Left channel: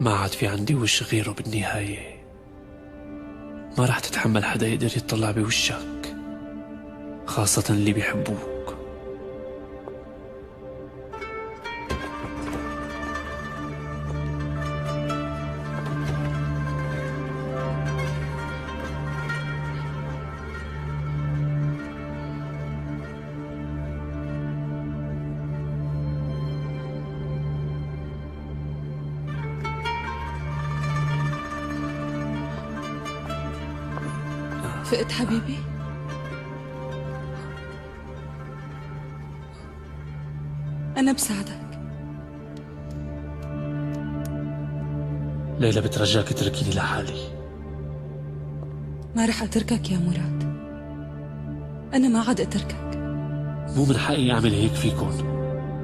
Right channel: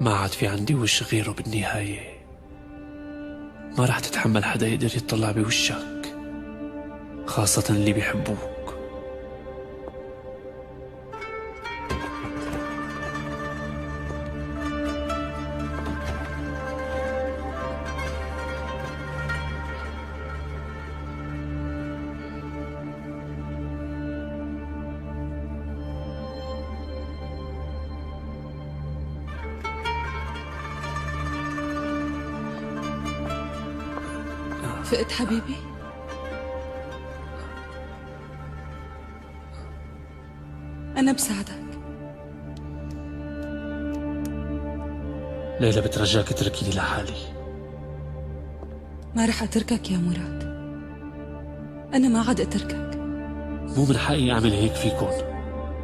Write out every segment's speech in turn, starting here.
ما عاد في عندي وش غيره بالنهاية. ما رح تتحمل حدا يقدر يطلع بوشك، خاصة اللي بيحبوك. فقت حبيبي؟ أنا بساعدك. ليلى بترجاك اتركيني لحالي. ما رح أتركك يا مراد، أنا ما عاد أتركك. مو من حقي أعمل هيك فيكن.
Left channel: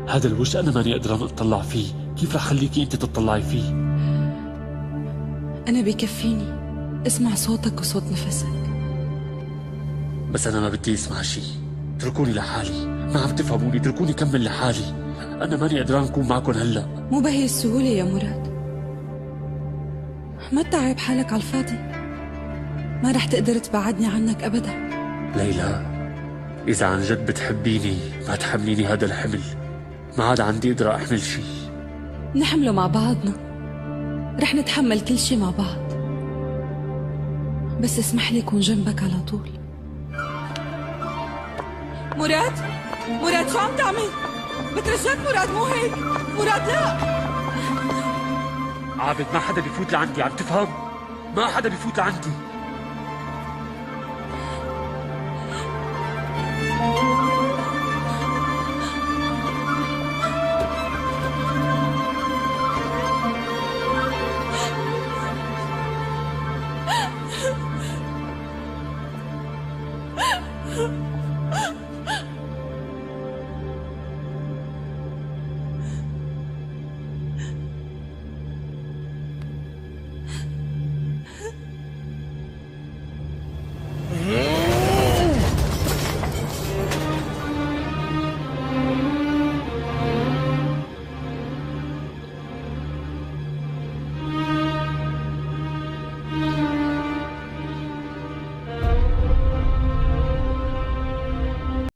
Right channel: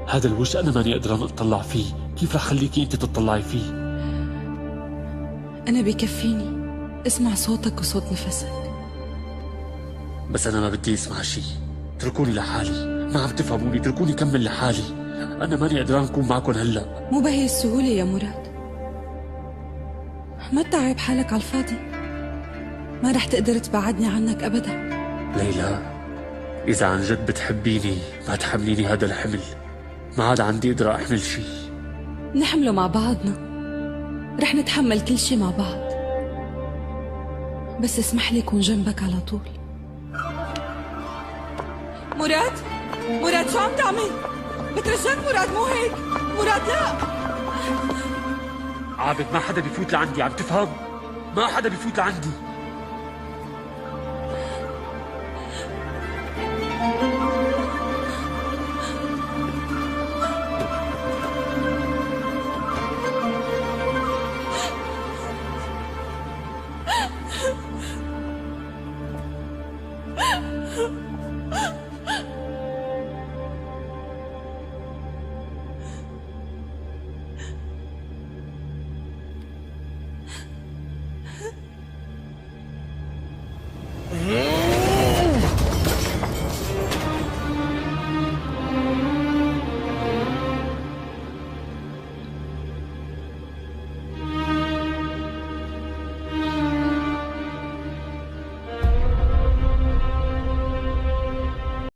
هذا الوش أنا ماني قدران أطلع فيه، كيف رح خليكي أنت تطلعي فيه؟ أنا بكفيني اسمع صوتك وصوت نفسك. بس أنا ما بدي أسمع شي، اتركوني لحالي. ما عم تفهموني، اتركوني كمل لحالي. أنا ماني قدران أكون معكم هلأ. مو بهي السهولة يا مراد، ما تتعب حالك على الفاضي. ما رح تقدر تبعدني عنك أبدا. ليلى، إذا عن جد بتحبيني ما تحمليني هذا الحمل. ما عاد عندي قدرة أحمل شي. نحمله مع بعضنا، رح نتحمل كل شي مع بعض. بس اسمح لي كون جنبك على طول. مراد، مراد شو عم تعمل؟ بترجاك مراد، مو هيك مراد، لا. عابد، ما حدا بيفوت لعندي، عم تفهم؟ ما حدا بيفوت لعندي.